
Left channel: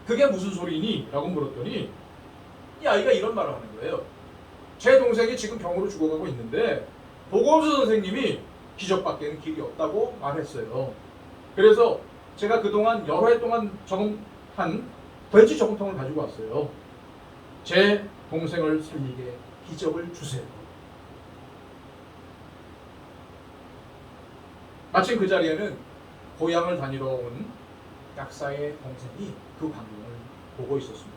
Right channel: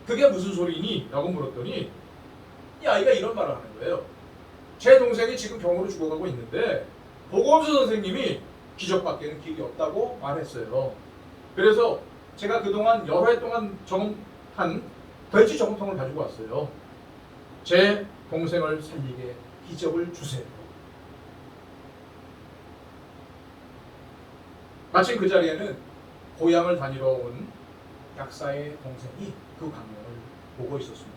그게 무슨 소리니? 라고 물었더니 이 아이가 이런 말을 하는 거예요. 제 동생이 지금 병으로 죽어가고 있는데 보건소 선생님이 기적밖에는 길이 없다고 말했어요. 그래서 제가 그동안 여러 해 동안 저금한 돼지 저금통을 가지고 왔어요. 제 동생을 살리게 기적을 주세요. 마침 그 자리에는 고향을 다니러 온 약사의 동생이 그 광경을 보고 있었습니다.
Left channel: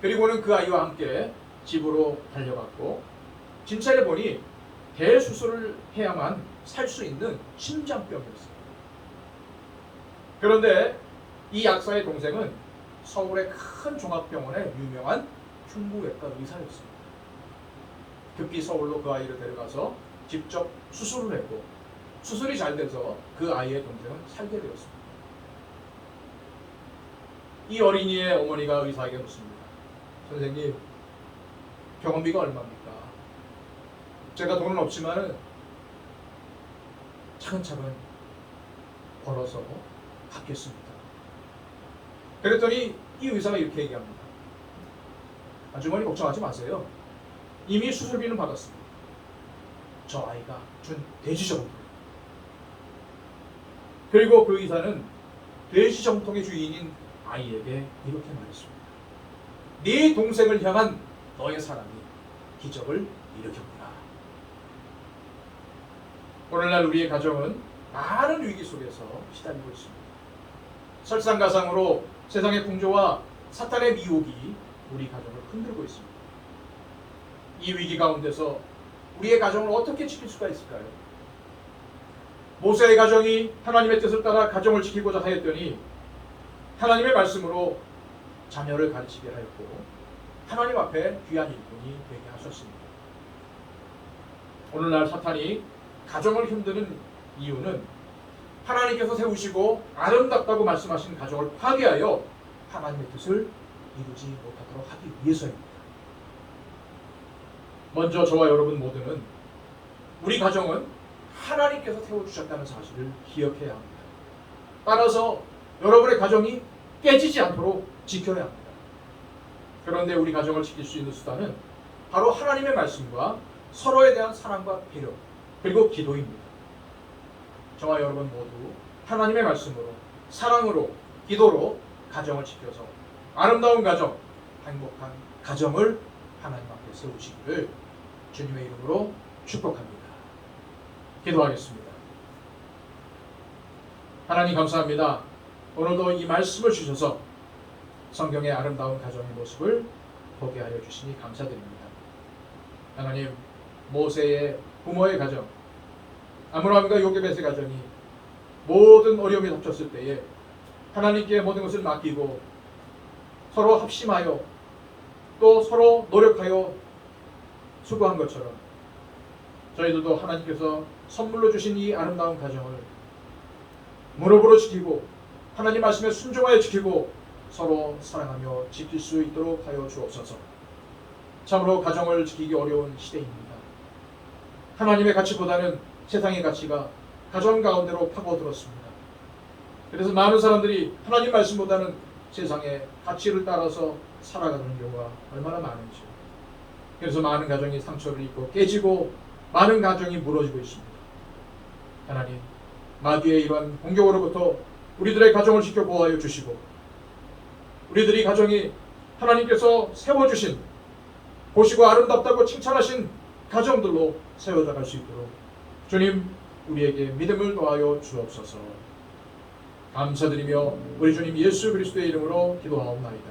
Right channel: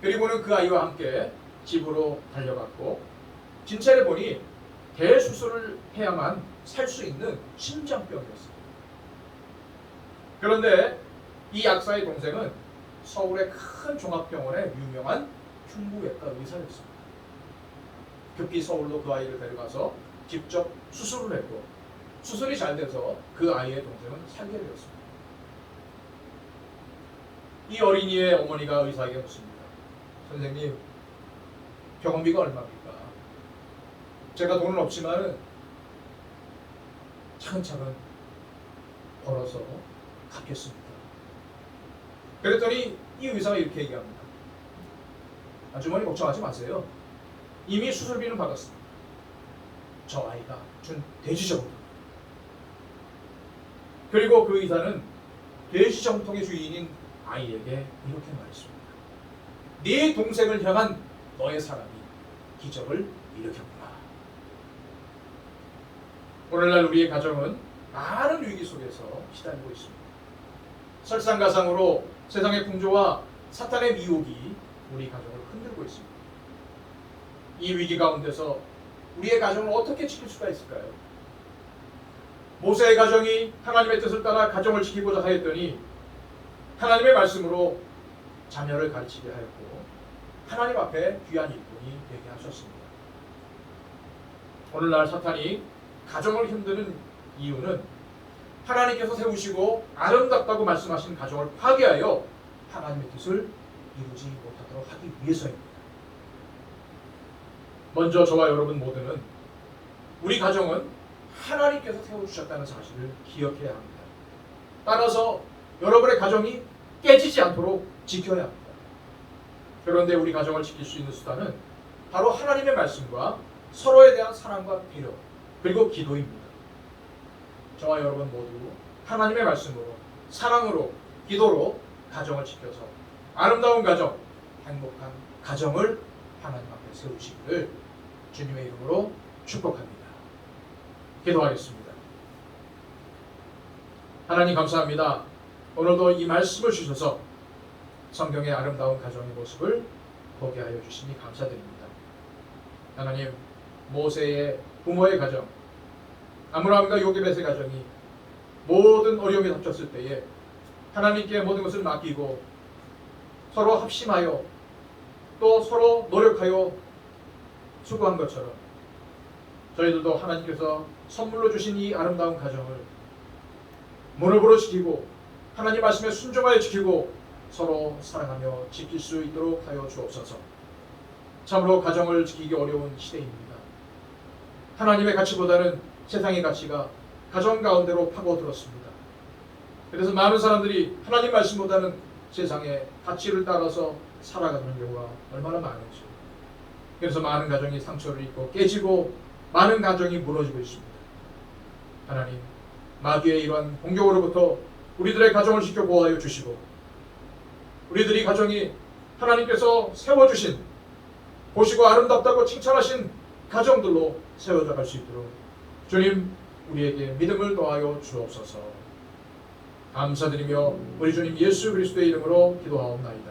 그리고는 그 아이와 함께 집으로 달려갔고 진찰해 보니 대수술을 해야만 살 수 있는 심장병이었습니다. 그런데 이 약사의 동생은 서울의 큰 종합병원의 유명한 흉부외과 의사였습니다. 급히 서울로 그 아이를 데려가서 직접 수술을 했고 수술이 잘 돼서 그 아이의 동생은 살게 되었습니다. 이 어린이의 어머니가 의사에게 묻습니다. 선생님, 병원비가 얼마입니까? 제가 돈은 없지만 차근차근 벌어서 갚겠습니다. 그랬더니 이 의사가 이렇게 얘기합니다. 아주머니 걱정하지 마세요. 이미 수술비는 받았습니다. 저 아이가 준 돼지저금통. 그리고 그 의사는 돼지저금통의 주인인 아이에게 이렇게 말했습니다. 네 동생을 향한 너의 사랑이 기적을 일으켰구나. 오늘날 우리의 가정은 많은 위기 속에서 시달리고 있습니다. 설상가상으로 세상의 풍조와 사탄의 미혹이 우리 가정을 흔들고 있습니다. 이 위기 가운데서 우리의 가정을 어떻게 지킬 수가 있을까요? 모세의 가정이 하나님의 뜻을 따라 가정을 지키고자 하였더니 하나님의 말씀으로 자녀를 가르치게 하였고 하나님 앞에 귀한 일꾼이 되게 하셨습니다. 오늘날 사탄이 가정을 힘드는 이유는 하나님께서 세우시고 아름답다고 말씀하신 가정을 파괴하여 하나님의 뜻을 이루지 못하도록 하기 위해서입니다. 먼저 저와 여러분 모두는 우리 가정은 하나님께서 세워주셨다는 사실을 기억해야 합니다. 따라서 여러분의 가정이 깨지지 않도록 지켜야 합니다. 그런데 우리 가정을 지킬 수 있는 수단은 바로 하나님의 말씀과 서로에 대한 사랑과 배려 그리고 기도입니다. 저와 여러분 모두 하나님의 말씀으로 사랑으로 기도로 가정을 지켜서 아름다운 가정, 행복한 가정을 하나님 앞에 세우시기를 주님의 이름으로 축복합니다. 기도하겠습니다. 하나님 감사합니다. 오늘도 이 말씀을 주셔서 성경의 아름다운 가정의 모습을 보게 하여 주시니 감사드립니다. 하나님, 모세의 부모의 가정, 아므람과 요게벳의 가정이 모든 어려움이 닥쳤을 때에 하나님께 모든 것을 맡기고 서로 합심하여 또 서로 노력하여 수고한 것처럼 저희들도 하나님께서 선물로 주신 이 아름다운 가정을 무릎으로 지키고 하나님 말씀에 순종하여 지키고 서로 사랑하며 지킬 수 있도록 하여 주옵소서. 참으로 가정을 지키기 어려운 시대입니다. 하나님의 가치보다는 세상의 가치가 가정 가운데로 파고들었습니다. 그래서 많은 사람들이 하나님 말씀보다는 세상의 가치를 따라서 살아가는 경우가 얼마나 많은지, 그래서 많은 가정이 상처를 입고 깨지고 많은 가정이 무너지고 있습니다. 하나님, 마귀의 이러한 공격으로부터 우리들의 가정을 지켜 보호하여 주시고 우리들이 가정이 하나님께서 세워주신 보시고 아름답다고 칭찬하신 가정들로 세워져 갈 수 있도록 주님 우리에게 믿음을 더하여 주옵소서. 감사드리며 우리 주님 예수 그리스도의 이름으로 기도하옵나이다.